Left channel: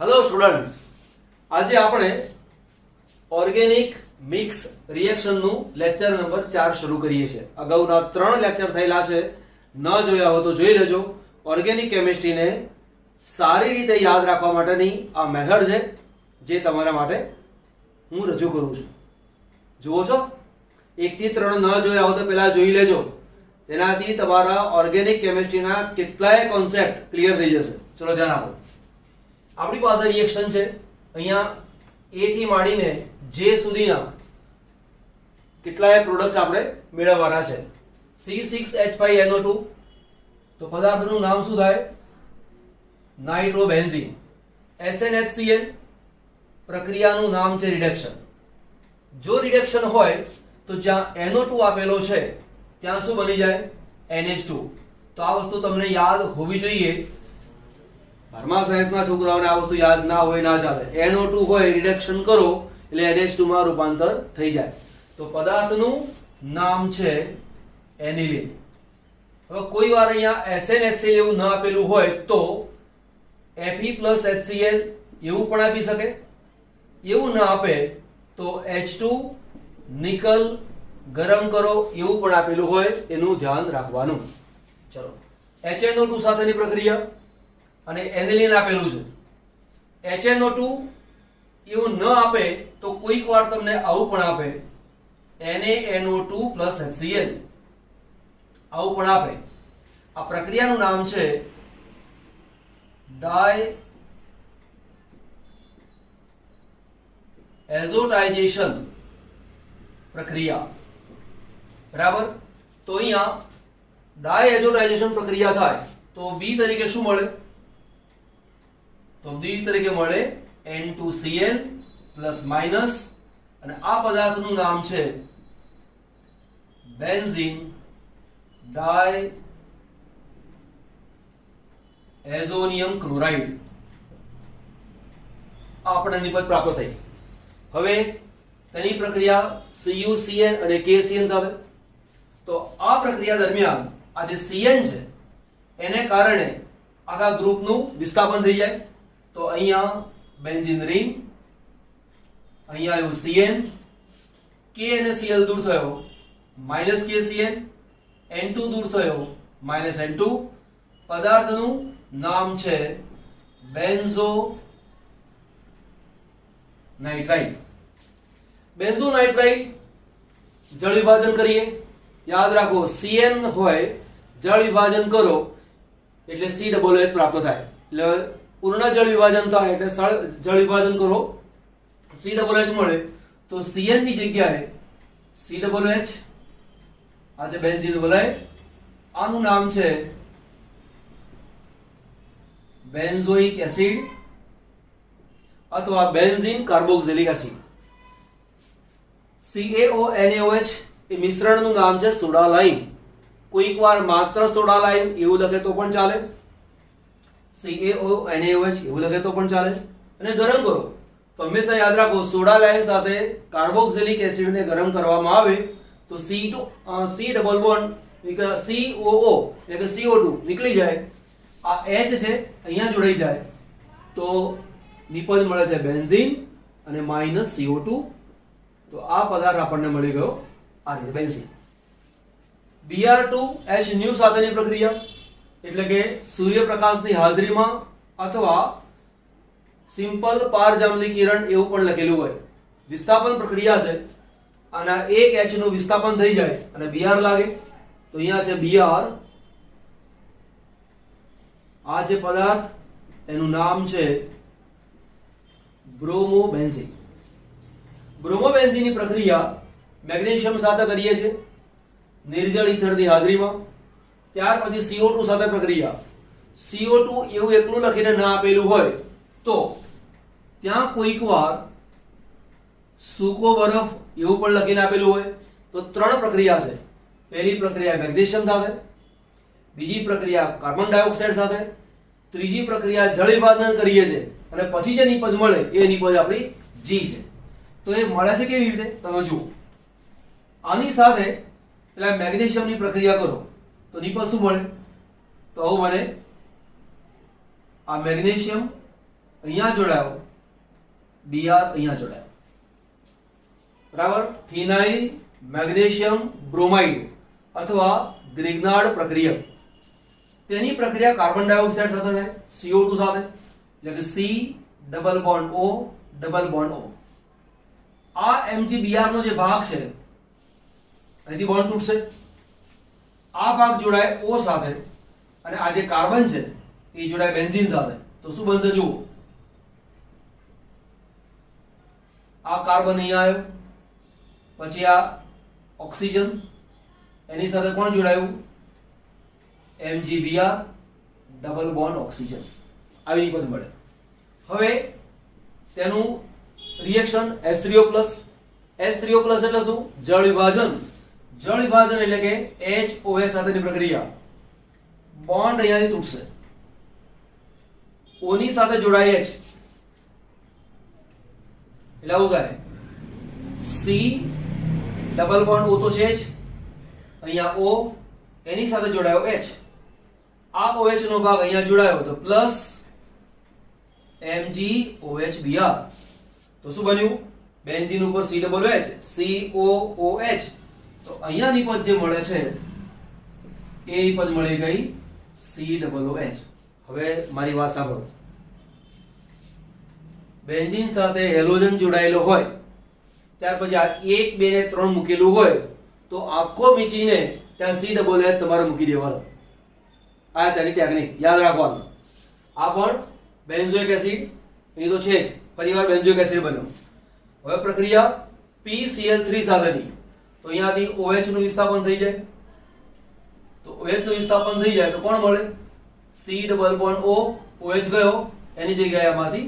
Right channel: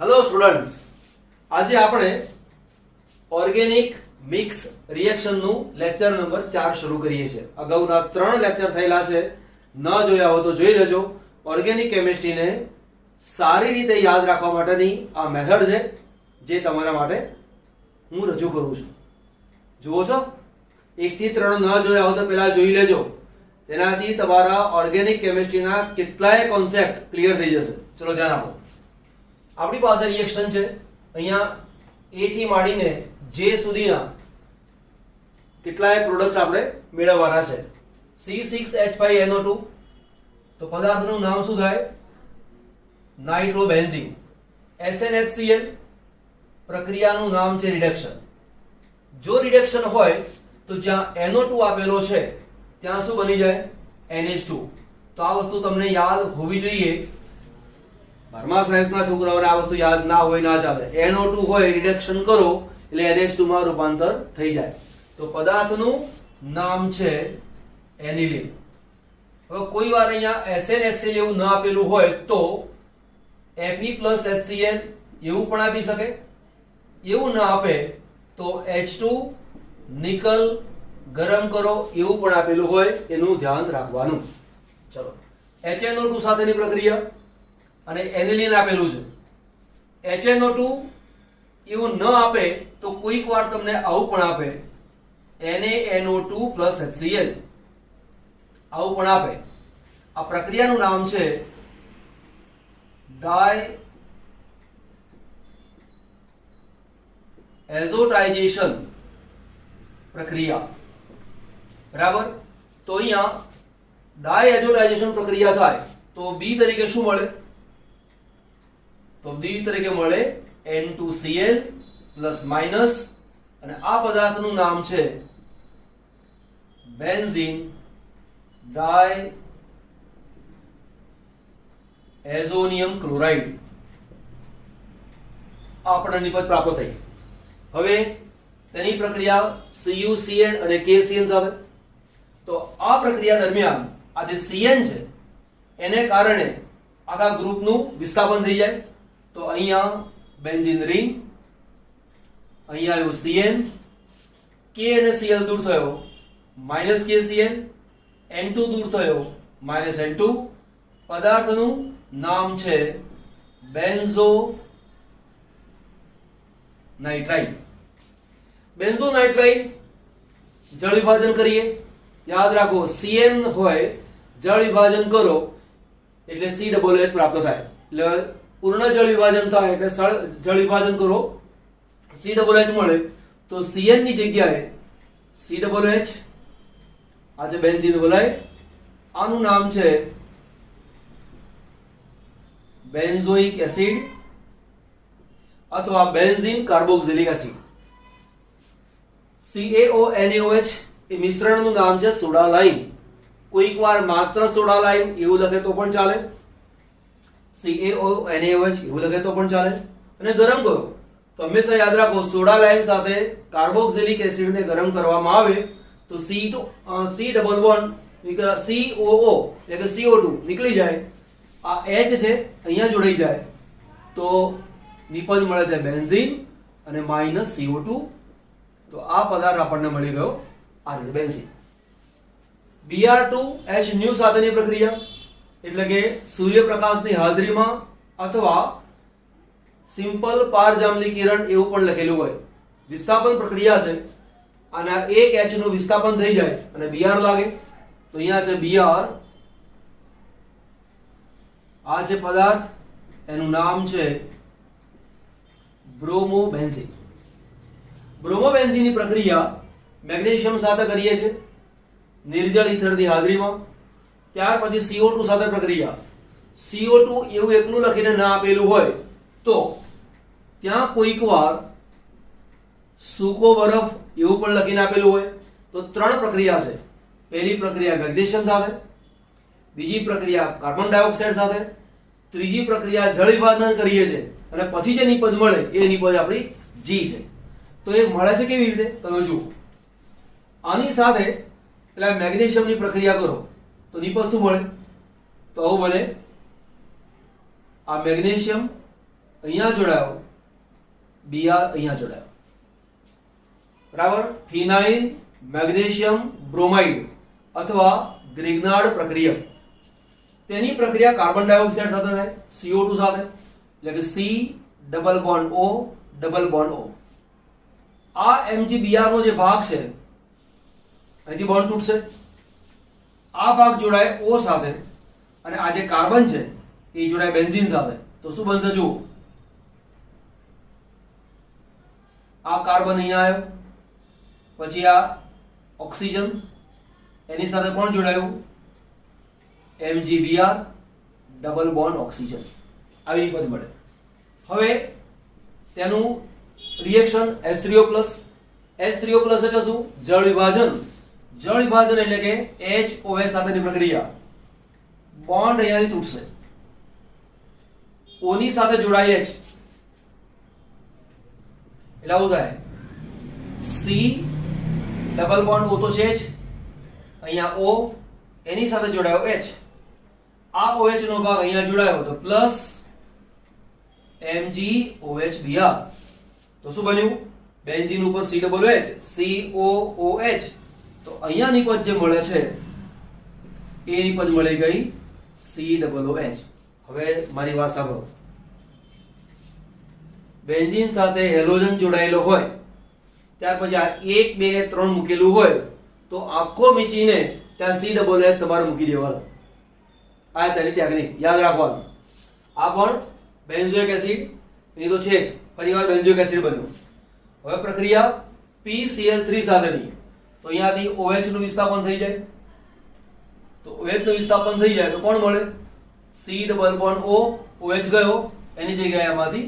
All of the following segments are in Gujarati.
હેલો સ્ટુડન્ટ્સ, આજે આપણે ઓર્ગેનિક મિક્સ રિએક્શન નું લેક્ચર નંબર 4 શરૂ કરીએ છીએ। અગાઉના 3 લેક્ચર થયેલા છે, ન જોયા હો તો જોઈ લેજો। ઓર્ગેનિક કેમિસ્ટ્રીને સારી રીતે યાદ રાખવા માટેની આ મેથડ છે જે તમારા માટે હું રજૂ કરું છું। જુઓ છો, 1 થી 3 ન જોયા હો તો પહેલા જોઈ લેજો, તેનાથી તમારા ઓર્ગેનિક કેમિસ્ટ્રીના કેટલાય કોન્સેપ્ટ ક્લિયર થઈ જશે। ચલો ધ્યાન આપો। આપણી પાસે રિએક્શન છે, અહીંયા A થી માંડીને J સુધીના કેટલાય પ્રોડક્ટ આપણે મેળવવાના છે। C6H5NO2 તો પદાર્થનું નામ શું થાય? નાઇટ્રોબેન્ઝીન। SnHCl પ્રક્રિયાનું નામ છે રિડક્શન। જો રિડક્શન હોય તો જ્યાં NO2 આપેલો છે ત્યાં શું બની જાય? NH2। તો આ વસ્તુ તમને યાદ હોવી જોઈએ। 12મા સાયન્સના છોકરાઓને આ વસ્તુ યાદ ના હોય ના ચાલે। NO2 હોય, રિડક્શન કરો એટલે NH2 માં રૂપાંતર થઈ જાય। તો પદાર્થનું નામ છે એનિલીન। હવે કોઈ વાર અહીંયા SnHCl એવું ના આપેલું હોય તો Fe+HCl એવું પણ આપી શકે। એવું ના આપે તો H2 નિકલ ગરમ કરો એવું પણ આપેલું હોય, એનું ધ્યાન રાખવાનું। ચલો, HNO2 સાથેની પ્રક્રિયા અને એનિલીન આપેલું છે। HNO2 એવું ન આપે તો કોઈક વાર તમને આવું પણ આપે, NaNO2+HCl આવું પણ આપે। આ પ્રક્રિયાનું નામ છે ડાયએઝોટાઇઝેશન પ્રક્રિયા, બરાબર। તો અહીંયા ડાયએઝોટાઇઝેશન પ્રક્રિયા થાય તો B તરીકે શું મળે? તો B તરીકે મળે N2Cl પ્લસ માઇનસ, અને આ પદાર્થનું નામ છે બેન્ઝીન ડાયએઝોનિયમ ક્લોરાઇડ। આપણને નિપજ પ્રાપ્ત થઈ। હવે તેની પ્રક્રિયા CuCl અને KCl સાથે। તો આ પ્રક્રિયા દરમિયાન આ જે Cn છે એને કારણે આખા ગ્રુપનું વિસ્થાપન થઈ જાય। તો અહીંયા બેન્ઝીન રિંગ, અહીંયા આવ્યું Cn, K અને Cl દૂર થયો -KCl, N2 દૂર થયો -N2। પદાર્થનું નામ છે બેન્ઝો નાઇટ્રાઇડ। બેન્ઝો નાઇટ્રાઇડ જળ વિભાજન કરીએ, યાદ રાખો Cn હોય, જળ વિભાજન કરો એટલે COH પ્રાપ્ત થાય। એટલે પૂર્ણ જળ વિભાજન થાય એટલે જળ વિભાજન કરો, COH મળે। તો Cn ની જગ્યાએ COH, આ છે બેન્ઝીન બોલાય, આનું નામ છે બેન્ઝોઇક એસિડ અથવા બેન્ઝીન કાર્બોક્સિલિક એસિડ। CaONaOH એ મિશ્રણનું નામ છે સોડા લાઇમ। કોઈક વાર માત્ર સોડા લાઇમ એવું લખે તો પણ ચાલે, CaONaOH એવું લખે તો પણ ચાલે। અને ગરમ કરો તો હંમેશા યાદ રાખો, સોડા લાઇમ સાથે કાર્બોક્સિલિક એસિડને ગરમ કરવામાં આવે તો C ડબલ બોન્ડ COO એટલે કે CO2 નીકળી જાય, આ H છે અહીંયા જોડાઈ જાય તો નિપજ મળે છે બેન્ઝીન અને -CO2। તો આ પદાર્થ આપણને મળી ગયો આ રીતે બેન્ઝીન। Br2H સાથેની પ્રક્રિયા એટલે કે સૂર્યપ્રકાશની હાજરીમાં અથવા સિમ્પલ પારજાંબલી કિરણ એવું પણ લખેલું હોય, વિસ્થાપન પ્રક્રિયા છે। આના એક H નું વિસ્થાપન થઈ જાય અને Br લાગે તો અહીંયા છે Br, આ છે પદાર્થ, એનું નામ છે બ્રોમોબેન્ઝીન। બ્રોમોબેન્ઝીનની પ્રક્રિયા મેગ્નેશિયમ સાથે કરીએ છીએ નિર્જળ ઇથરની હાજરીમાં। ત્યાર પછી CO2 સાથે પ્રક્રિયા। CO2 એવું એકલું લખીને ના આપેલું હોય તો ત્યાં કોઈક વાર સૂકો બરફ એવું પણ લખીને આપેલું હોય। તો 3 પ્રક્રિયા છે। પહેલી પ્રક્રિયા મેગ્નેશિયમ સાથે, બીજી પ્રક્રિયા કાર્બન ડાયોક્સાઇડ સાથે, ત્રીજી પ્રક્રિયા જળ વિભાજન કરીએ છીએ અને પછી જે નિપજ મળે એ નિપજ આપણી G છે। તો એ મળે છે કેવી રીતે તમે જુઓ। આની સાથે પેલા મેગ્નેશિયમની પ્રક્રિયા કરો તો નિપજ શું મળે? તો આવું બને, આ મેગ્નેશિયમ અહીંયા જોડાયો, Br અહીંયા જોડાયો, બરાબર. ફિનાઇલ મેગ્નેશિયમ બ્રોમાઇડ અથવા ગ્રિગ્નાર્ડ પ્રક્રિયા, તેની પ્રક્રિયા કાર્બન ડાયોક્સાઇડ સાથે થાય, CO2 સાથે, એટલે કે C double bond O double bond O. આ MgBr નો જે ભાગ છે અહીંથી બોન્ડ તૂટશે, આ ભાગ જોડાય O સાથે અને આ જે કાર્બન છે એ જોડાય બેન્ઝીન સાથે. તો શું બનશે જુઓ, આ કાર્બન અહીંયા આવ્યો, પછી આ ઓક્સિજન, એની સાથે કોણ જોડાયું, MgBr ડબલ બોન્ડ ઓક્સિજન. આવી પદ મળે. હવે તેનું રિએક્શન H3O+. H3O+ એટલે શું, જળ વિભાજન. જળ વિભાજન એટલે કે HOH સાથેની પ્રક્રિયા. બોન્ડ અહીંયાથી તૂટશે, O ની સાથે જોડાય H, એટલે આવું થાય C ડબલ બોન્ડ O તો છે જ, અહીંયા O, એની સાથે જોડાયો H, આ OH નો ભાગ અહીંયા જોડાયો તો પ્લસ MgOHBr. તો શું બન્યું, બેન્ઝીન ઉપર C ડબલ H, COOH. તો અહીંયાની પદ જે મળે છે એ પદ મળી ગઈ C ડબલ OH. હવે મારી વાત સાંભળો, બેન્ઝીન સાથે હેલોજન જોડાયેલો હોય ત્યાર પછી આ 1 2 3 મૂકેલું હોય તો આખો મીચીને ત્યાં C ડબલ OH તમારે મૂકી દેવાનો. આ તેની ટેકનિક યાદ રાખવાનું. આ પણ બેન્ઝોઇક એસિડ એ તો છે જ, ફરીવાર બેન્ઝોઇક એસિડ બન્યું. હવે પ્રક્રિયા PCl3 સાથેની, તો અહીંયાથી OH નું વિસ્થાપન થઈ જાય, તો OH નું વિસ્થાપન થઈ જાય તો કોણ મળે, C double bond O, OH ગયો, એની જગ્યાએ આમાંથી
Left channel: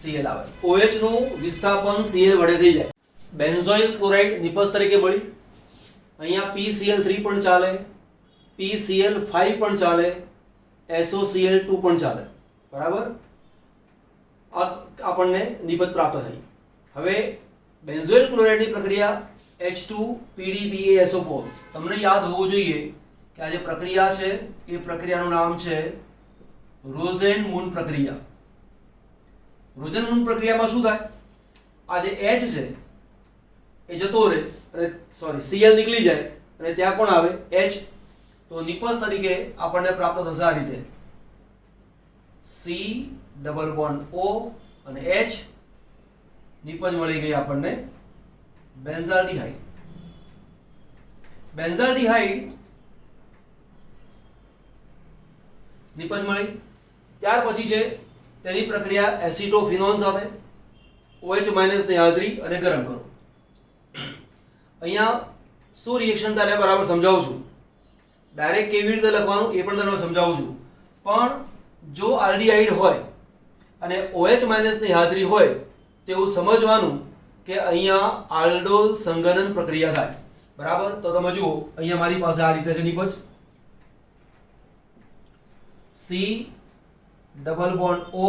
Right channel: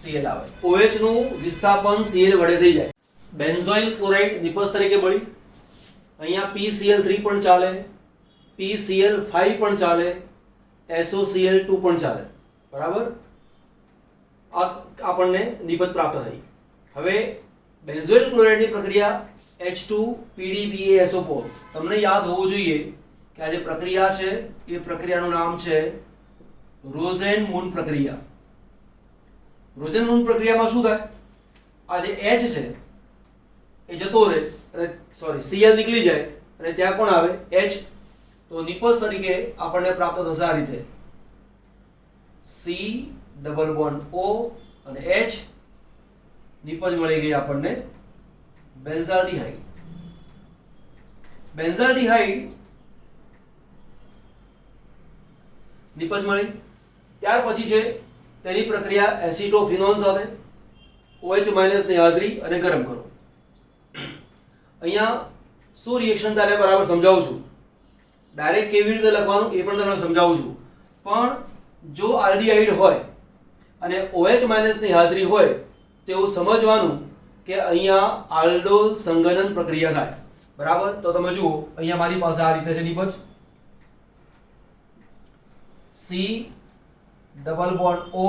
Cl આવે. OH નું વિસ્થાપન Cl વડે થઈ જાય. બેન્ઝોઇલ ક્લોરાઇડ નિપજ તરીકે મળી. અહીંયા PCl3 પણ ચાલે, PCl5 પણ ચાલે, SOCl2 પણ ચાલે, બરાબર. આપણને નિપજ પ્રાપ્ત થઈ. હવે બેન્ઝોઇલ ક્લોરાઇડની પ્રક્રિયા H2PDBaSO4. તમને યાદ હોવું જોઈએ કે આ જે પ્રક્રિયા છે એ પ્રક્રિયાનું નામ છે રોઝેન-મૂન પ્રક્રિયા. રોઝેન-મૂન પ્રક્રિયામાં શું થાય, આ જે H છે એ જતો રહે અને Cl નીકળી જાય અને ત્યાં કોણ આવે, H. તો નિપજ તરીકે આપણને પ્રાપ્ત થશે આ રીતે C ડબલ બોન્ડ O અને H. નિપજ મળી ગઈ આપણને બેન્ઝાલ્ડિહાઇડ. બેન્ઝાલ્ડિહાઇડ નિપજ મળી. ત્યાર પછી છે તેની પ્રક્રિયા એસિટોફિનોન સાથે, OH- ની હાજરી અને ગરમ કરો. અહીંયા શું રિએક્શન થાય બરાબર સમજાવું છું. ડાયરેક્ટ કેવી રીતે લખવાનું એ પણ તમને સમજાવું છું. પણ જો આલ્ડીહાઇડ હોય અને OH- ની હાજરી હોય તેવું સમજવાનું કે અહીંયા આલ્ડોલ સંઘનન પ્રક્રિયા થાય, બરાબર. તો તમે જુઓ અહીંયા મારી પાસે આ રીતે છે નિપજ, C ડબલ બોન્ડ O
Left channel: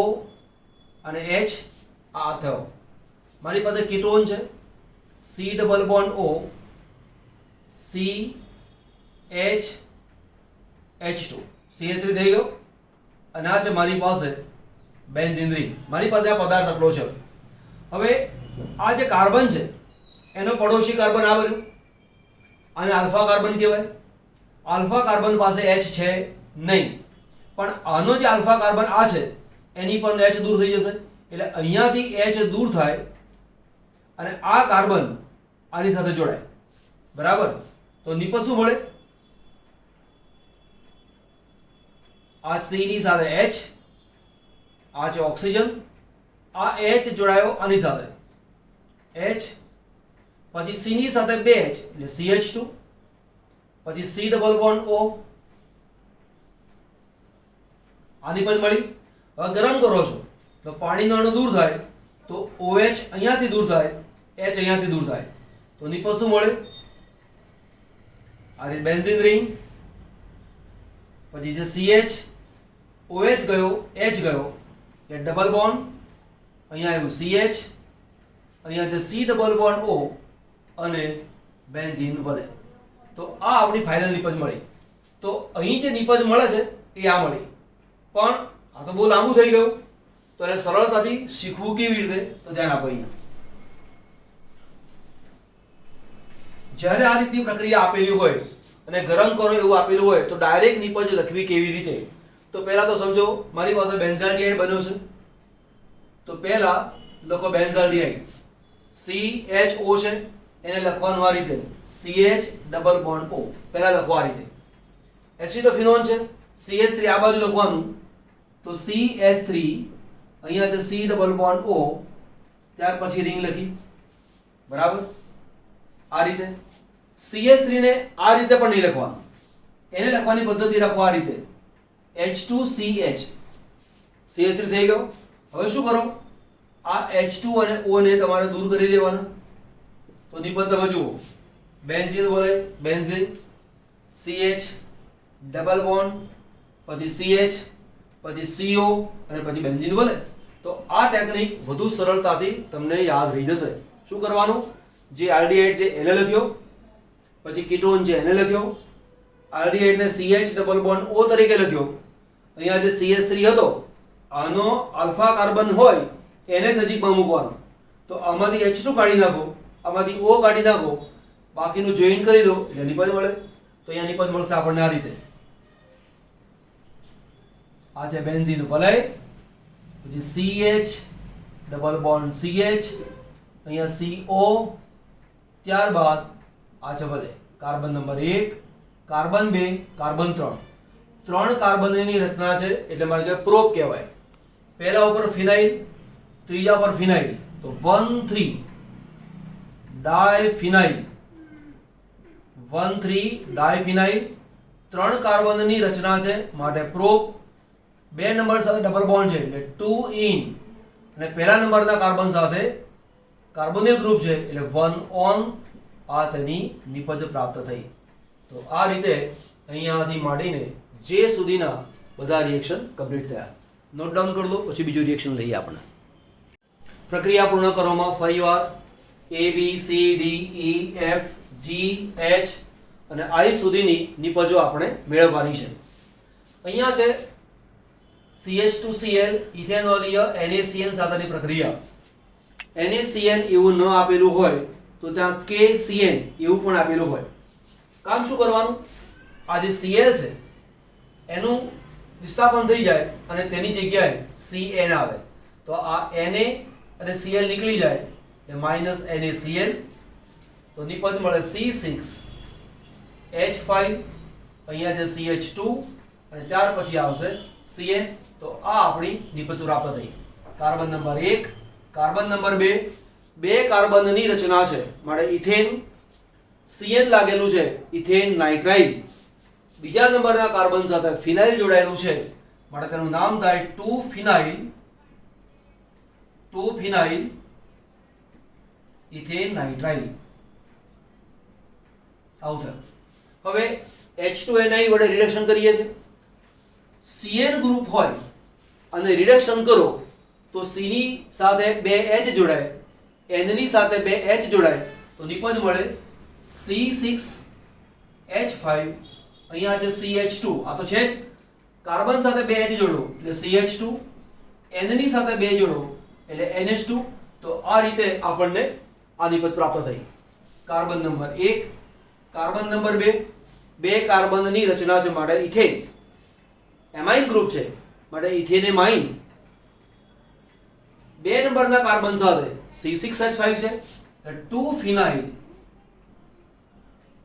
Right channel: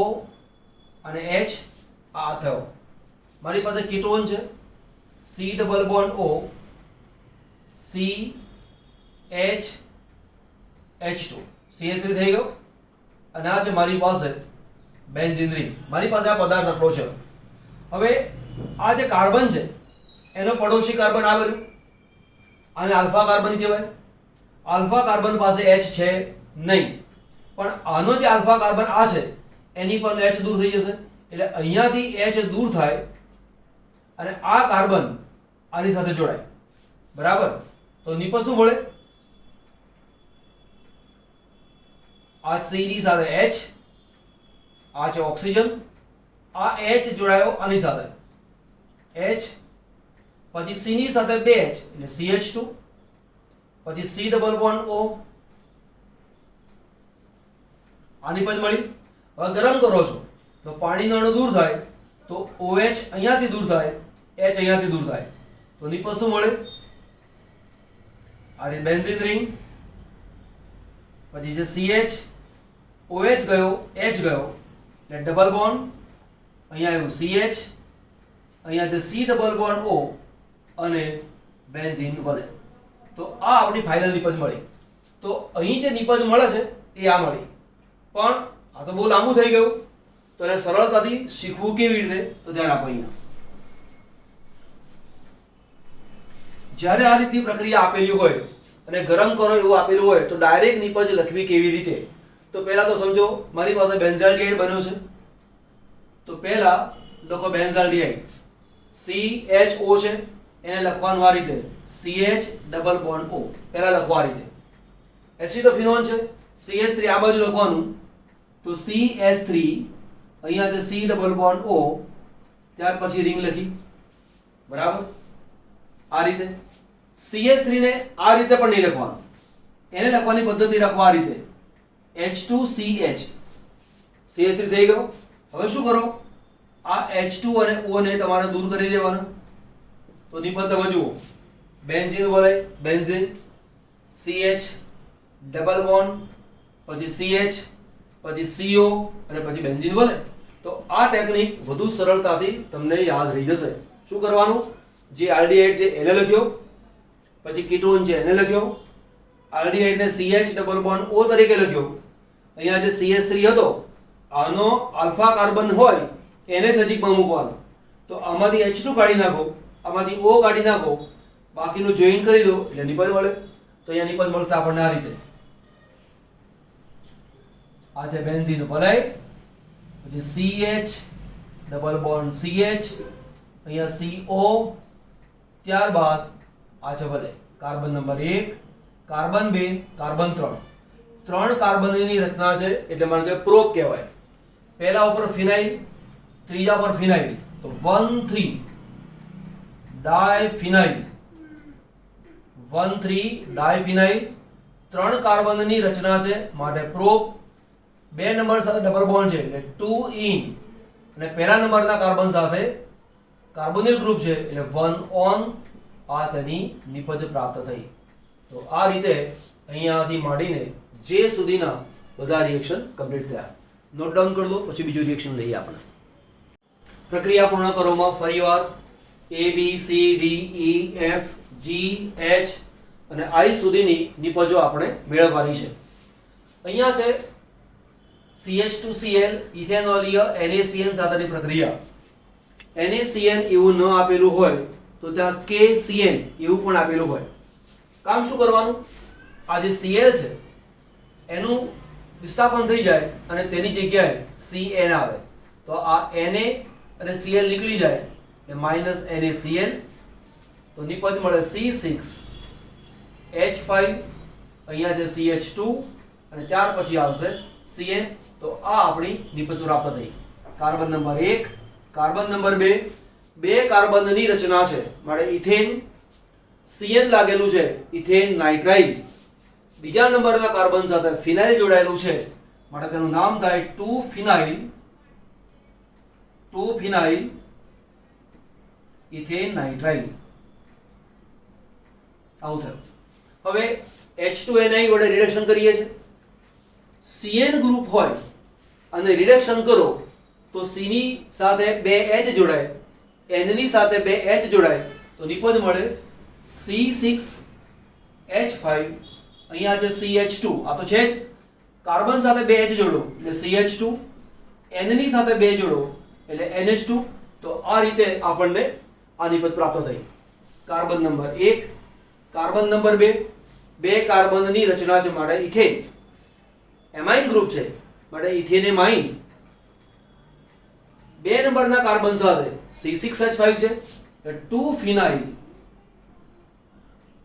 અને H. આ થયો. મારી પાસે કીટોન છે, C double bond O, C H H2, CH3 થઈ ગયો. અને આ છે મારી પાસે બેન્ઝીન રિંગ. મારી પાસે આ પદાર્થ આટલો છે. હવે આ જે કાર્બન છે એનો પડોશી કાર્બન આ બન્યું, આને આલ્ફા કાર્બન કહેવાય. આલ્ફા કાર્બન પાસે H છે નહીં, પણ આનો જે આલ્ફા કાર્બન આ છે એની પર H દૂર થઈ જશે, એટલે અહીંયાથી H દૂર થાય અને આ કાર્બન આની સાથે જોડાય, બરાબર. તો નિપજ શું મળે, આ C ની સાથે H, આ છે ઓક્સિજન, આ H જોડાયો આની સાથે H, પછી C ની સાથે 2H એટલે CH2, પછી C ડબલ બોન્ડ O. આની પદ મળી. હવે ગરમ કરો છો તો પાણીનો અણુ દૂર થાય તો OH અહીંયાથી દૂર થાય, H અહીંયાથી દૂર થાય, તો નિપજ શું મળે, આ રે બેન્ઝીન રિંગ. પછી છે CH, OH ગયો, H ગયો એટલે ડબલ બોન્ડ, અહીંયા આવ્યું CH, અહીંયા છે C ડબલ બોન્ડ O અને બેન્ઝીન વળે. તો આ આપણી ફાઇનલ નિપજ મળી. તો અહીં જે નિપજ મળે છે એ આ મળી. પણ આ તો બહુ લાંબુ થઈ ગયું, તો એને સરળતાથી શીખવું કેવી રીતે, તો ધ્યાન આપો અહીંયા. જ્યારે આ રીતની પ્રક્રિયા આપેલી હોય અને ગરમ કરો એવું આપેલું હોય તો ડાયરેક્ટ નિપજ લખવી કેવી રીતે? તો પહેલા તો સમજો, મારી પાસે બેન્ઝાલ્ડિહાઇડ બન્યો છે, તો પહેલા લખો બેન્ઝાલ્ડિહાઇડ, CHO છે, એને લખવાનું આ રીતે, CH ડબલ બોન્ડ O, પહેલા લખો આ રીતે. એસિટોફિનોન છે, CH3 આ બાજુ લખવાનું, તો CH3 અહીંયા છે C ડબલ બોન્ડ O, ત્યાર પછી રિંગ લખી, બરાબર. આ રીતે CH3 ને આ રીતે પણ નહીં લખવાનું, એને લખવાની પદ્ધતિ રાખો આ રીતે, H2CH, CH3 થઈ ગયો. હવે શું કરો, આ H2 અને O ને તમારે દૂર કરી લેવાના. તો નિપજ તમે જુઓ, બેન્ઝીન વળે, બેન્ઝીન, CH ડબલ બોન્ડ, પછી CH, પછી CO અને પછી બેન્ઝીન વળે. તો આ ટેકનિક વધુ સરળતાથી તમને યાદ રહી જશે. શું કરવાનું, જે આલ્ડીહાઇડ છે એને લખ્યો, પછી કીટોન છે એને લખ્યો, આલ્ડીહાઇડ ને CH ડબલ બોન્ડ O તરીકે લખ્યો. અહીંયા જે CH3 હતો આનો આલ્ફા કાર્બન હોય એને જ નજીકમાં મૂકવાનો. તો આમાંથી H2 કાઢી નાખો, આમાંથી O કાઢી નાખો, બાકીનું જોઈન કરી દો એટલે નિપજ મળે. તો અહીંયા નિપજ મળશે આપણને આ રીતે. આ છે બેન્ઝીન વલય, પછી CH ડબલ બોન્ડ CH, અહીંયા CO, ત્યારબાદ આ છે વલય, કાર્બન નંબર 1, કાર્બન 2, કાર્બન 3, 3 કાર્બનની રચના છે એટલે મારે કે પ્રોપ કહેવાય. પહેલા ઉપર ફિનાઇલ, ત્રીજા પર ફિનાઇલ, તો 1,3 ડાયફિનાઇલ, 1,3 ડાયફિનાઇલ, 3 કાર્બનની રચના છે માટે પ્રોપ. 2 નંબર સાથે ડબલ બોન્ડ છે એટલે 2 ઇન, અને પહેલા નંબરના કાર્બન સાથે કાર્બોનિલ ગ્રુપ છે એટલે 1 ઓન. આ તેની નિપજ પ્રાપ્ત થઈ. તો આ રીતે અહીંયાથી માંડીને જે સુધીના બધા રિએક્શન કમ્પ્લીટ થયા. નોટ ડાઉન કરી દો, પછી બીજું રિએક્શન લઈએ આપણે. પ્રક્રિયા પૂર્ણ કરવામાં ફરીવાર A B C D E F G H અને I સુધીની નિપજો આપણે મેળવવાની છે. અહીંયા છે CH2Cl ઇથેનોલીય NaCN સાથેની પ્રક્રિયા. NaCN એવું ન આપેલું હોય તો ત્યાં KCN એવું પણ આપેલું હોય. કામ શું કરવાનું, આ જે Cl છે એનું વિસ્થાપન થઈ જાય અને તેની જગ્યાએ CN આવે, તો આ Na અને Cl નીકળી જાય એટલે માઈનસ NaCl, તો નિપજ મળે C6H5, અહીંયા છે CH2 અને ત્યાર પછી આવશે Cn. તો આ આપણી નિપજ પ્રાપ્ત થઈ. કાર્બન નંબર 1, કાર્બન નંબર 2, 2 કાર્બનની રચના છે માટે ઇથેન, Cn લાગેલું છે, ઇથેન નાઇટ્રાઇલ. બીજા નંબરના કાર્બન સાથે ફિનાઇલ જોડાયેલું છે માટે તેનું નામ થાય 2-ફિનાઇલ, 2-ફિનાઇલ ઇથેન નાઇટ્રાઇલ. આવું થયું. હવે H2Ni વડે રિડક્શન કરીએ છીએ. Cn ગ્રુપ હોય અને રિડક્શન કરો તો C ની સાથે 2H જોડાય, N ની સાથે 2H જોડાય, તો નિપજ મળે C6H5. અહીંયા છે CH2, આ તો છે જ, કાર્બન સાથે 2H જોડો એટલે CH2, N ની સાથે 2 જોડો એટલે NH2. તો આ રીતે આપણને આ નિપજ પ્રાપ્ત થઈ. કાર્બન નંબર 1, કાર્બન નંબર 2, 2 કાર્બનની રચના છે માટે ઇથેન, એમાઇન ગ્રુપ છે માટે ઇથેનેમાઇન. 2 નંબરના કાર્બન સાથે C6H5 છે એટલે 2-ફિનાઇલ,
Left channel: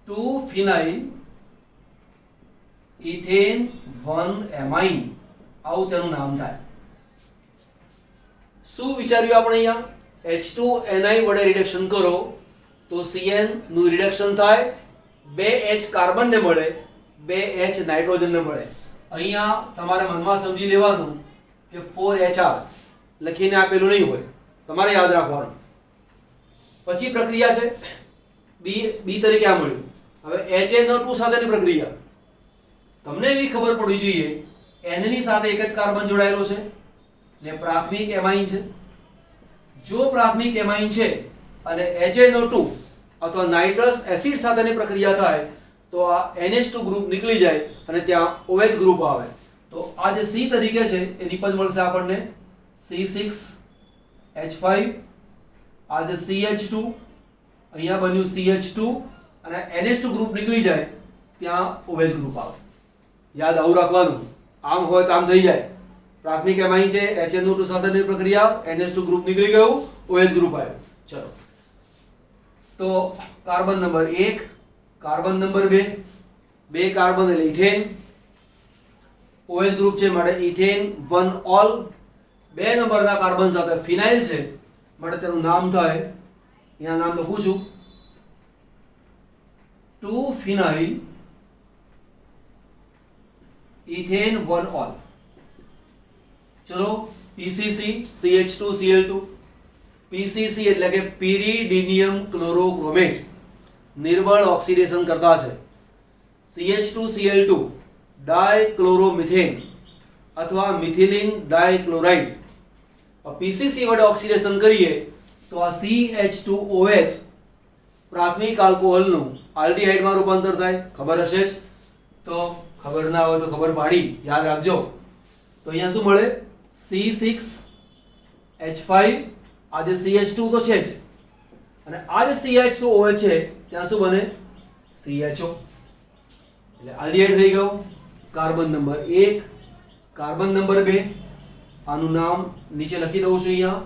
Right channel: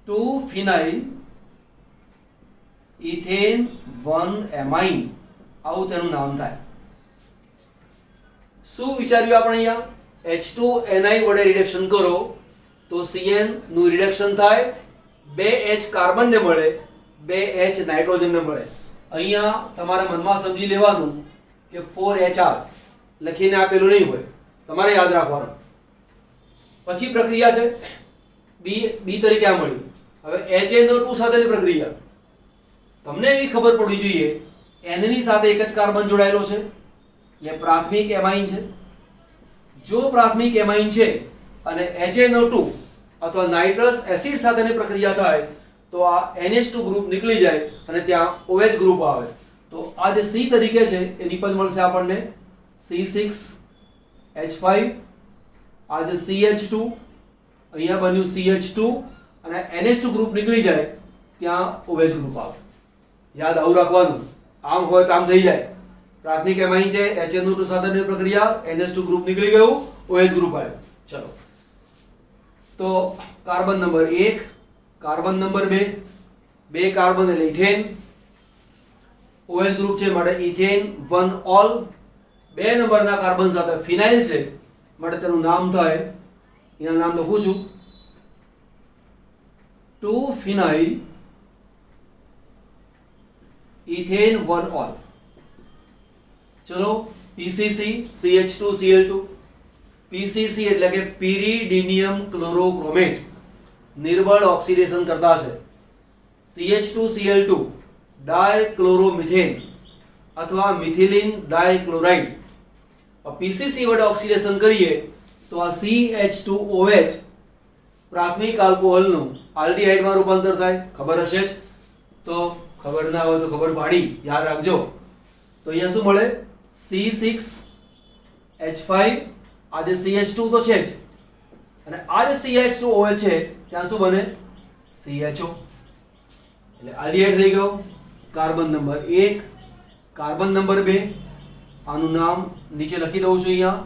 2-ફિનાઇલ ઇથેન 1-એમાઇન, આવું તેનું નામ થાય. શું વિચાર્યું આપણે અહીંયા, H2Ni વડે રિડક્શન કરો તો Cn નું રિડક્શન થાય, 2H કાર્બનને મળે, 2H નાઇટ્રોજનને મળે. અહીંયા તમારા મનમાં સમજી લેવાનું કે 4HR લખીને આપેલું નહીં હોય, તમારે યાદ રાખવાનું. પછી પ્રક્રિયા છે B તરીકે આ મળ્યું. હવે HNO2 સાથેની પ્રક્રિયા. તમને એવી ખબર પડવી જોઈએ N ની સાથે એક જ કાર્બન જોડાયેલો છે એટલે પ્રાથમિક એમાઇન છે. જો પ્રાથમિક એમાઇન છે અને HNO2 અથવા નાઇટ્રસ એસિડ સાથેની પ્રક્રિયા થાય તો આ NH2 ગ્રુપ નીકળી જાય અને ત્યાં OH ગ્રુપ આવે. તો આ જે C તરીકે છે એ નિપજ મળશે આપણને C6H5 આ જે CH2 અહીંયા બન્યું CH2 અને NH2 ગ્રુપ નીકળી જાય ત્યાં OH ગ્રુપ આવે યાદ આવું રાખવાનું આમ હોય તો આમ થઈ જાય પ્રાથમિક એમાઇન છે HNO2 સાથેની પ્રક્રિયા NH2 ગ્રુપ નીકળી ગયું OH ગ્રુપ આવ્યો ચલો તો કાર્બન નંબર 1 કાર્બન નંબર 2 બે કાર્બન એટલે ઇથેન OH ગ્રુપ છે માટે ઇથેન 1 ઓલ બે નંબરના કાર્બન સાથે ફિનાઇલ છે માટે તેનું નામ થાય અહીંયા નામ લખું છું 2 ફિનાઇલ ઇથેન 1 ઓલ ચલો PCC CH2Cl2 PCC એટલે કે pyridinium chlorochromate નિર્બળ ઓક્સિડેશન કરતા છે CH2Cl2 ડાયક્લોરોમિથેન અથવા મિથિલિન ડાયક્લોરાઇડ PCC વડે ઓક્સિડેશન કરીએ તો આ CH2OH પ્રાથમિક આલ્કોહોલનું આલ્ડીહાઇડમાં રૂપાંતર થાય ખબર હશે જ તો ખબર ના હોય તો ખબર પાડી યાદ રાખજો તો અહીંયા શું મળે C6H5 આ જે CH2 તો છે જ અને આ જે CH2OH છે ત્યાં શું બને CHO એટલે આલ્ડીહાઇડ થઈ ગયો કાર્બન નંબર 1 કાર્બન નંબર 2 આનું નામ નીચે લખી દઉં છું અહીંયા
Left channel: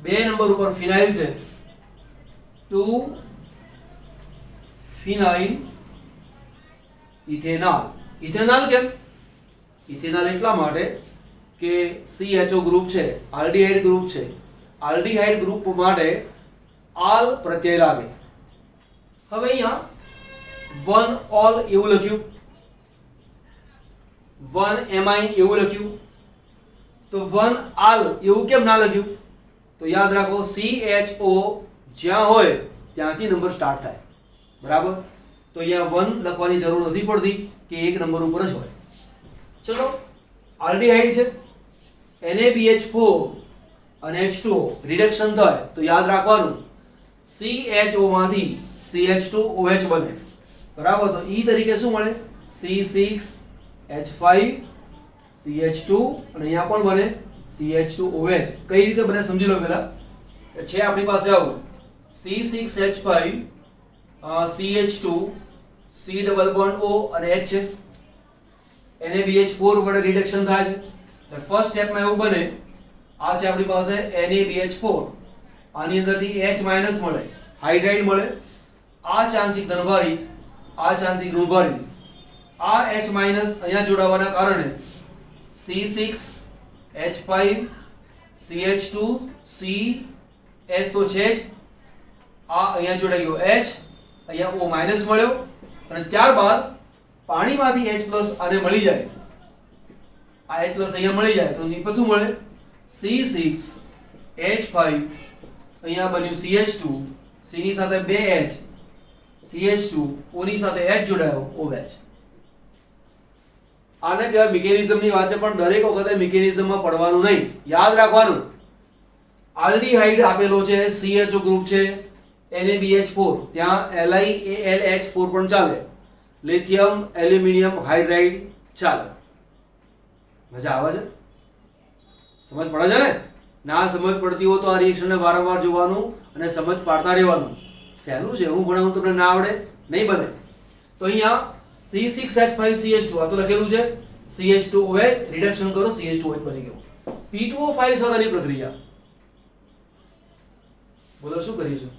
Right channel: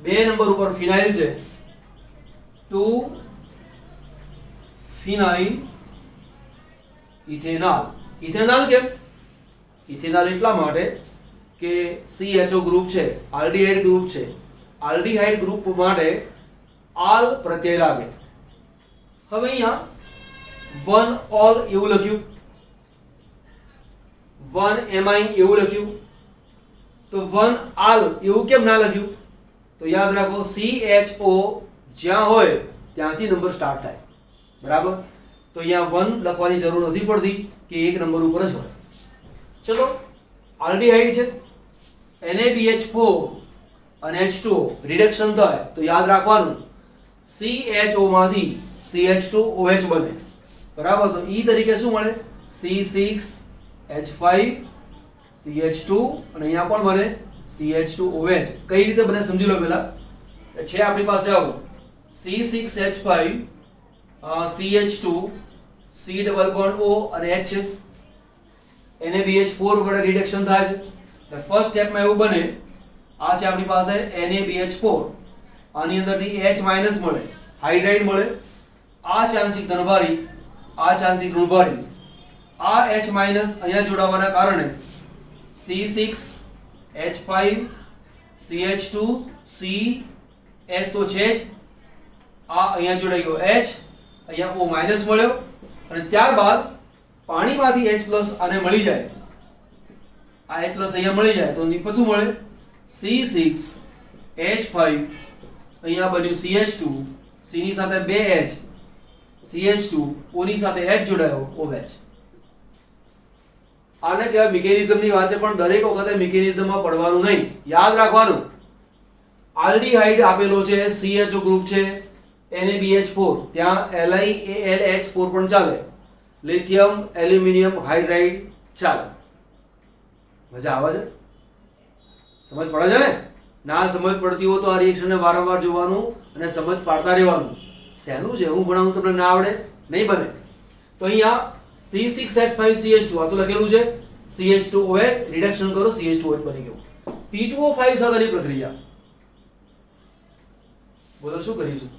બે નંબર ઉપર ફિનાઇલ છે 2 ફિનાઇલ ઇથેનોલ ઇથેનોલ કેમ ઇથેનોલ એટલા માટે કે CHO ગ્રુપ છે આલ્ડીહાઇડ ગ્રુપ છે આલ્ડીહાઇડ ગ્રુપ માટે આલ પ્રત્યય લાગે હવે અહીંયા 1 ઓલ એવું લખ્યું 1 એમાઇન એવું લખ્યું તો 1 આલ એવું કેમ ના લખ્યું તો યાદ રાખો CHO જ્યાં હોય ત્યાંથી નંબર સ્ટાર્ટ થાય બરાબર તો અહીંયા 1 લખવાની જરૂર નથી પડતી કે એક નંબર ઉપર જ હોય ચલો આલ્ડીહાઇડ છે NaBH4 અને H2O રિડક્શન થાય તો યાદ રાખવાનું CHO માંથી CH2OH બને બરાબર તો E તરીકે શું મળે C6H5 CH2 અને અહીંયા કોણ બને CH2OH કઈ રીતે બને સમજી લો પહેલા છે આપણી પાસે આવું C6H5 CH2 C double bond O અને H છે NaBH4 વડે રિડક્શન થાય છે એટલે ફર્સ્ટ સ્ટેપમાં એવું બને આ છે આપણી પાસે NaBH4 આની અંદરથી H માઈનસ મળે હાઇડ્રાઇડ મળે આ છે આંશિક ધનભારી આ છે આંશિક ઋણભારી આ H માઈનસ અહીંયા જોડાવાના કારણે C6H5 CH2 C H તો છે જ આ અહીંયા જોડાઈ ગયો H અહીંયા O માઈનસ મળ્યો અને ત્યારબાદ પાણીમાંથી H પ્લસ આને મળી જાય આ H પ્લસ અહીંયા મળી જાય તો પછી મળે C6H5 અહીંયા બન્યું CH2 C ની સાથે બે H CH2 O ની સાથે H જોડાયો OH આને કહેવાય મિકેનિઝમની વાત છે પણ દરેક વખતે મિકેનિઝમમાં પડવાનું નહીં યાદ રાખવાનું આલ્ડીહાઇડ આપેલો છે CHO ગ્રુપ છે NaBH4 ત્યાં LiAlH4 પણ ચાલે લિથિયમ એલ્યુમિનિયમ હાઇડ્રાઇડ ચાલે મજા આવે છે સમજ પડે છે ને ના સમજ પડતી હોય તો આ રિએક્શનને વારંવાર જોવાનું અને સમજ પાડતા રહેવાનું સહેલું છે હું ભણાવું તમને ના આવડે નહીં બને તો અહીંયા C6H5 CH2 આ તો લખેલું છે CH2OH રિડક્શન કરો CH2OH બની ગયું P2O5 સાથેની પ્રક્રિયા બોલો શું કરીશું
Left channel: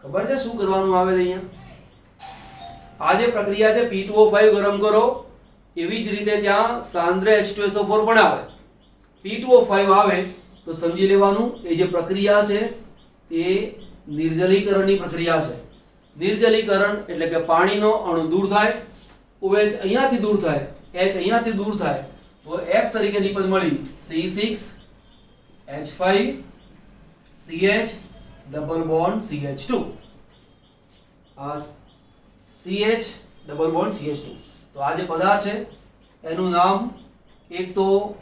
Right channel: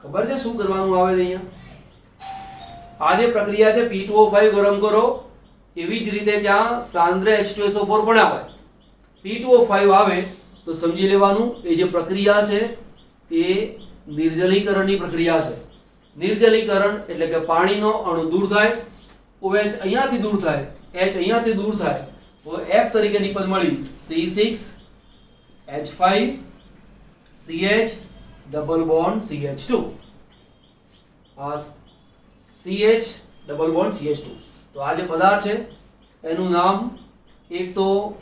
ખબર છે શું કરવાનું આવે છે અહીંયા આ જે પ્રક્રિયા છે P2O5 ગરમ કરો એવી જ રીતે ત્યાં સાંદ્ર H2SO4 પણ આવે P2O5 આવે તો સમજી લેવાનું એ જે પ્રક્રિયા છે એ નિર્જલીકરણની પ્રક્રિયા છે નિર્જલીકરણ એટલે કે પાણીનો અણુ દૂર થાય OH અહીંયાથી દૂર થાય H અહીંયાથી દૂર થાય તો F તરીકેની પદ મળી C6H5 CH double bond CH2 આ CH ડબલ બોન્ડ CH2 તો આ જે પદાર્થ છે એનું નામ એક તો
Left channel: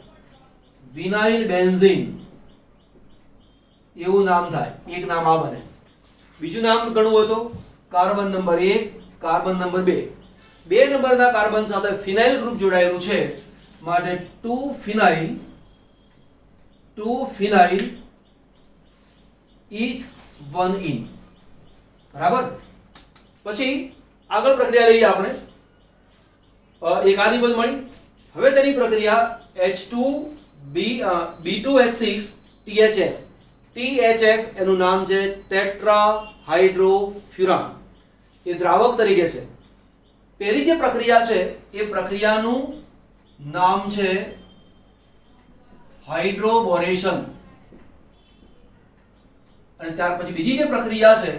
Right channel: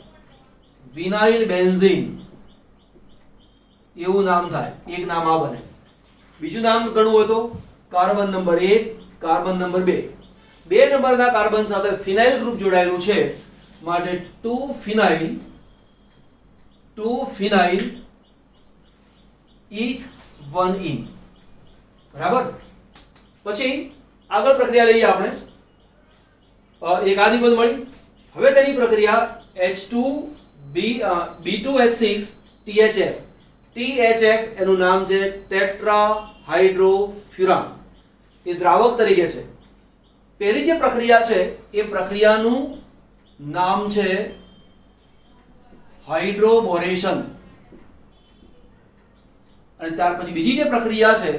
વિનાઇલ બેન્ઝીન એવું નામ થાય એક નામ આ બને બીજું નામ ગણવું હોય તો કાર્બન નંબર 1 કાર્બન નંબર 2 બે નંબરના કાર્બન સાથે ફિનાઇલ ગ્રુપ જોડાયેલું છે માટે 2 ફિનાઇલ 2 phenyl eth 1 in, બરાબર. પછી આગળ પ્રક્રિયા લઈએ આપણે. એક આની પદ મળી. હવે તેની પ્રક્રિયા B2H6 THF. THF એનું નામ છે ટેટ્રા હાઇડ્રોફ્યુરાન. એ દ્રાવક તરીકે છે. પહેલી જે પ્રક્રિયા છે એ પ્રક્રિયાનું નામ છે હાઇડ્રોબોરેશન, અને ત્યાર પછી બીજી જે પ્રક્રિયા છે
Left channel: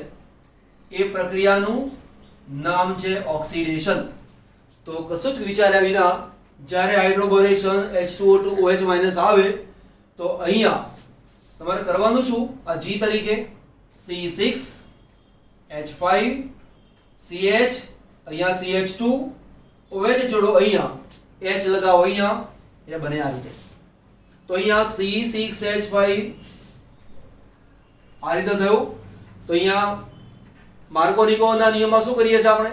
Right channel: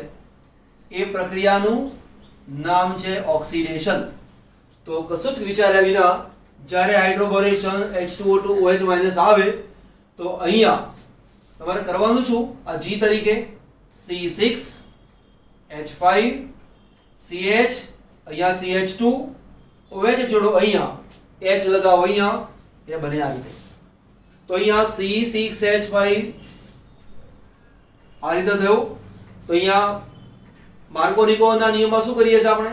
એ પ્રક્રિયાનું નામ છે ઓક્સિડેશન. તો કશું જ વિચાર્યા વિના જ્યારે હાઇડ્રોબોરેશન H2O2 OH- આવે તો અહીંયા તમારે કરવાનું શું, આ G તરીકે C6H5 CH, અહીંયા CH2 OH જોડો, અહીંયા H લગાવો, અહીંયા એ બને આ રીતે. તો અહીંયા C6H5 આ રીતે થયું. તો અહીંયા માર્કોનિકોના નિયમમાં શું કરીએ છીએ આપણે,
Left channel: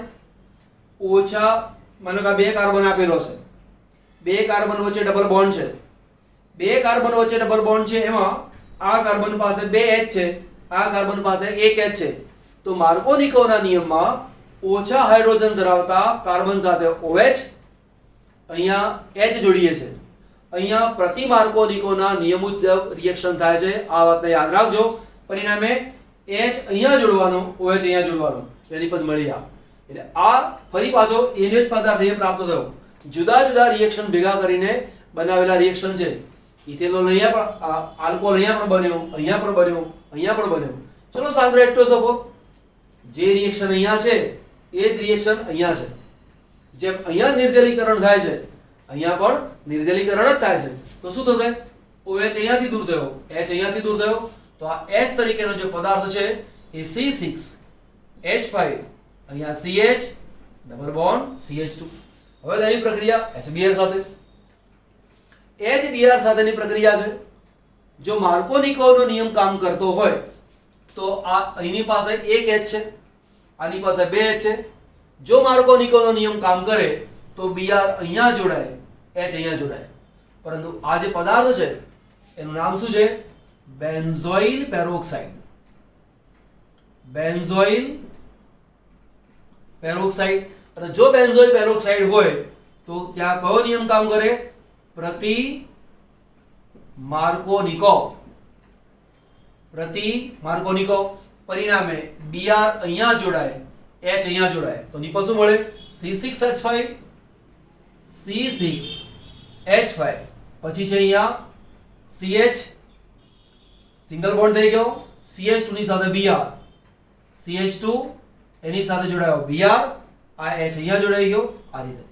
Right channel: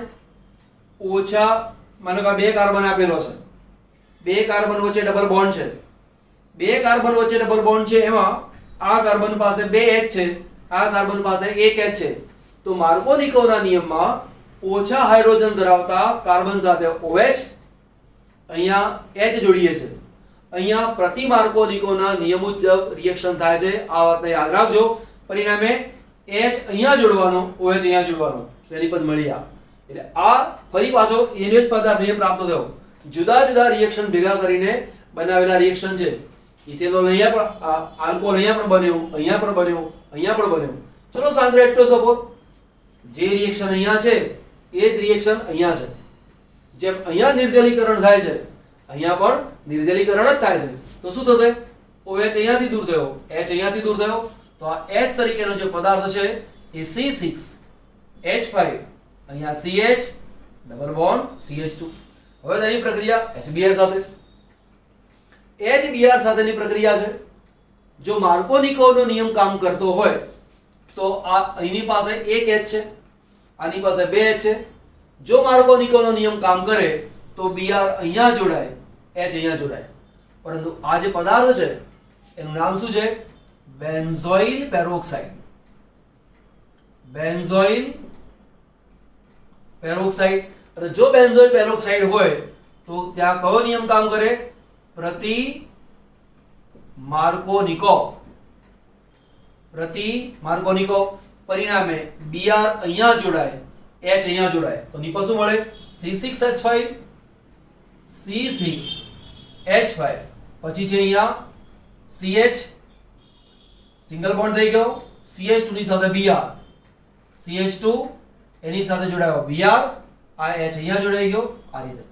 ઓછા, માનો કે બે કાર્બન આપેલો છે, બે કાર્બન વચ્ચે ડબલ બોન્ડ છે, બે કાર્બન વચ્ચે ડબલ બોન્ડ છે, એમાં આ કાર્બન પાસે 2 H છે, આ કાર્બન પાસે 1 H છે. તો માર્કોનિકોના નિયમમાં ઓછા હાઇડ્રોજન ધરાવતા કાર્બન સાથે OH, અહીંયા H જોડીએ છે. અહીંયા પ્રતિ માર્કોનિકોના નિયમ મુજબ રિએક્શન થાય છે. આ વાતને યાદ રાખજો. પરિણામે H અહીંયા જોડવાનો, OH અહીંયા જોડવાનો, એની પદ મળી આ. એટલે આ ફરી પાછો એનો જ પદાર્થ અહીંયા પ્રાપ્ત થયો. જુદા જુદા રિએક્શન ભેગા કરીને બનાવેલા રિએક્શન છે. ઇથેનોલ અહીંયા પણ, આલ્કોહોલ અહીંયા પણ બન્યો, અહીંયા પણ બન્યો, અહીંયા પણ બન્યો. ચલો સાંદ્ર એક્ટોસોફોર, જે રિએક્શન અહીંયા છે એ જ રિએક્શન અહીંયા છે. જેમ અહીંયા નિર્જલીકરણ થાય છે, અહીંયા પણ નિર્જલીકરણ જ થાય છે. તો શું થશે, OH અહીંયાથી દૂર થયો, H અહીંયાથી દૂર થયો, તો આ H તરીકેનો જે પદાર્થ છે એ C6H5, અહીંયા CH ડબલ બોન્ડ CH2. હવે તેની પ્રક્રિયા HBr સાથે. HBr સાથેની પ્રક્રિયા છે. જો માર્કોનિકોનો નિયમ કામ કરતો હોય તો આ અહીંની પાસે 1 H છે, આની પાસે 2 H છે. જો માર્કોનિકોનો નિયમ કામ કરે તો Br અહીંયા જોડાય, H અહીંયા જોડાય. પરંતુ આ જે પદાર્થ છે એનું નામ શું છે, બેન્ઝોઇલ પેરોક્સાઇડ. Benzoyl peroxide. અને જો બેન્ઝોઇલ પેરોક્સાઇડ હોય તો ત્યાં કયો નિયમ કામ કરે, પ્રતિ માર્કોનિકો. પ્રતિ માર્કોનિકો. પરિણામે Br અહીંયા જોડાય, H અહીંયા જોડાય, તો નિપજ શું મળે, C6H5 C6H5. પછી છે અહીંયા CH સિંગલ બોન્ડ થઈ ગયો, CH2 ની સાથે Br, CH2 એની સાથે જોડાયો Br, આ H અહીંયા જોડાઈ ગયો, આ રીતે.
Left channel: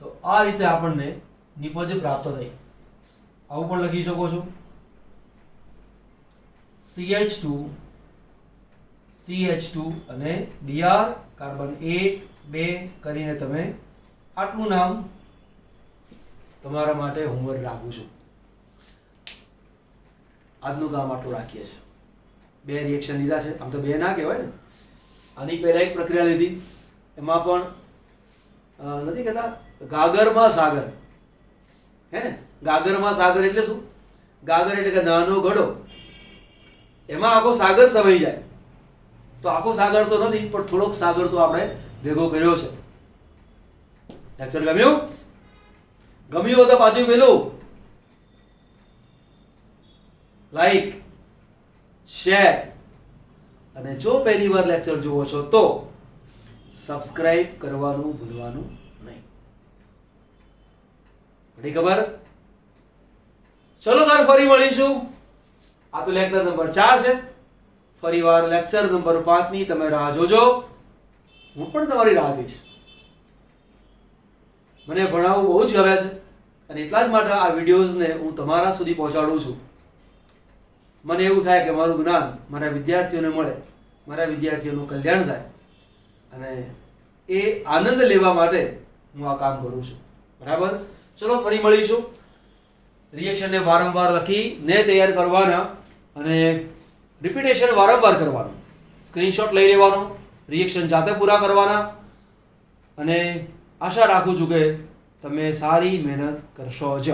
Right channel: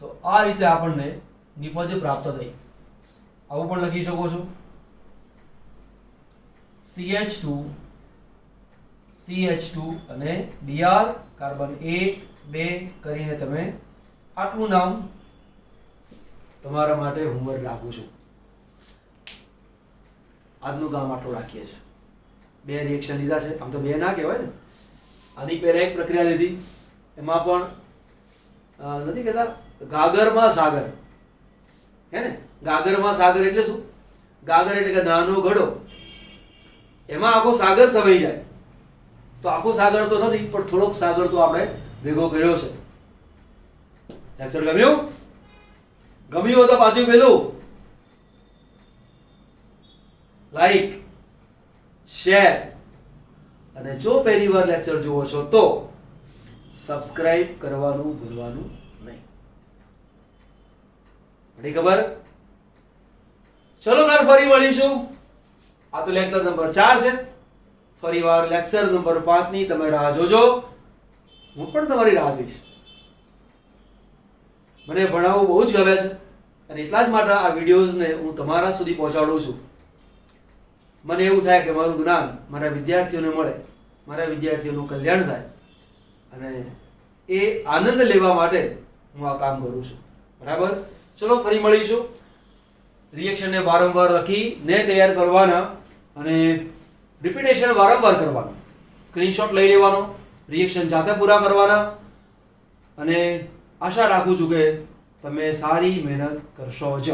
તો આ રીતે આપણને નિપજ પ્રાપ્ત થઈ. આવું પણ લખી શકો છો, CH2 CH2 અને Br, કાર્બન 1 2 કરીને તમે આટલું નામ તમારા માટે હોમવર્ક રાખું છું. આજનું કામ આટલું રાખીએ છીએ. 2 રિએક્શન લીધા છે, આમ તો 2 ના કહેવાય ને. આની પહેલા એક પ્રક્રિયા લીધી, એમાં પણ નથી કહેતા ગાગરમાં સાગર, હે ને. ગાગરમાં સાગર એટલે શું, ગાગર એટલે કે નાનો ઘડો, એમાં આખો સાગર સમાઈ જાય. તો આખો સાગર તો નથી, પણ થોડોક સાગર તો આપણે ભેગો કર્યો છે. લેક્ચર ગમ્યું? ગમ્યું તો પાછું પેલું લાઈક, શેર, અને જો પહેલી વાર લેક્ચર જુઓ છો તો સબસ્ક્રાઇબ કરવાનું ભૂલવાનું નહીં. પડી ખબર? ચલો તાર ફરી મળીશું. આ તો લેક્ચર નંબર 4 છે. ફરીવાર લેક્ચર નંબર 5 ની તમે રાહ જોજો. હું પણ તમારી રાહ જોઈશ. મને ભણાવવું બહુ જ ગમે છે અને એટલા જ માટે આ વિડિયોઝને હું તમારા સુધી પહોંચાડું છું. મને એવું થાય કે મારું જ્ઞાન મારા વિદ્યાર્થીઓને મળે, મારા વિદ્યાર્થીઓનું કલ્યાણ થાય, અને એ આનંદ લેવા માટે હું આ કામ કરું છું. બરાબર? ચલો ફરી મળીશું. રિએક્શનને વારંવાર લખીને તૈયાર કરવાના અને રિપીટેશન વારંવાર કરવાનું. સ્ક્રીનશોટ લઈ લેવાનો, રિએક્શન જાતે પૂરા કરવાના, અને આશા રાખું છું કે તમે સારી મહેનત કરશો જ.